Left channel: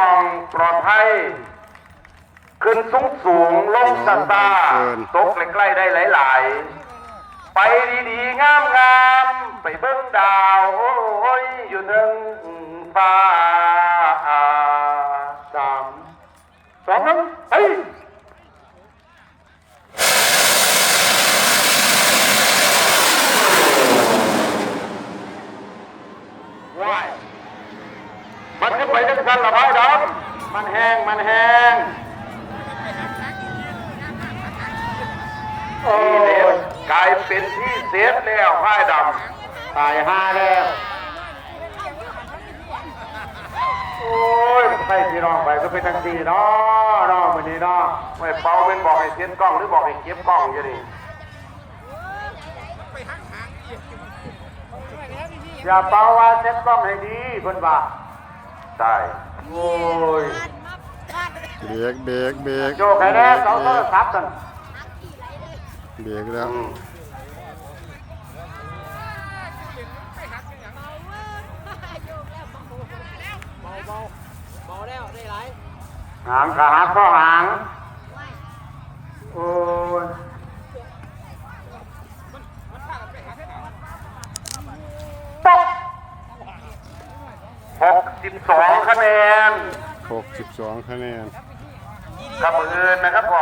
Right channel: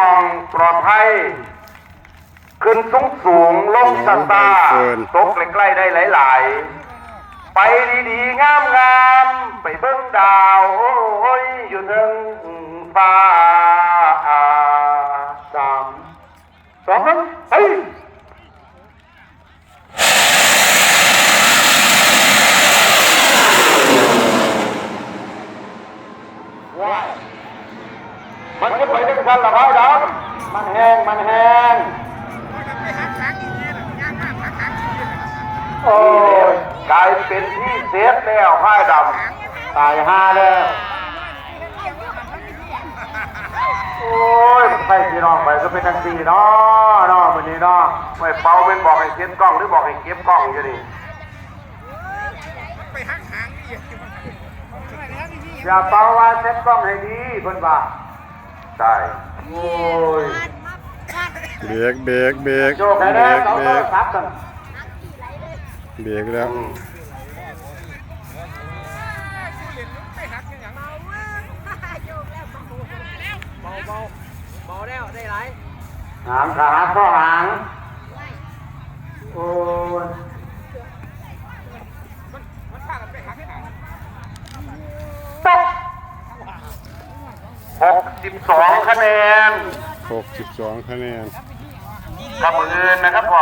มองปลอดภัยขึ้นสูงลงต่างๆตกใกล้ๆได้หลายๆไปดีๆงามๆไปเบิ่งดาวโอ้ยอยู่เทิงฟ้า3 2 1เฮ้ยมันจะไปด้วยกันหรอไอ้ดำมันแห้งโอ้กลายเป็นที่เสียแล้วไอ้ดำตาย5แล้วโอ้ยใช่พี่น้องไปก็เป็นทังสี่เนาะวันนี้เนาะไม่เป่าเป็นบอกให้เซ็ตกล้องหรือบอกให้เก็บกล้องอยู่นี่ไปหักหางนี่อย่าเป่าว่าเซ็ตกล้องให้ดีเพิ่นว่าใช่โอ้ยเบรกโชคให้แล้วเขาก็ทับกันเบรกแล้วเบาแล้วได้ไรหางขาข้อหางโอ้ยมันพากันไปหักหางตก62 คะแนน62 คะแนนกับมืออื่นนะครับพอ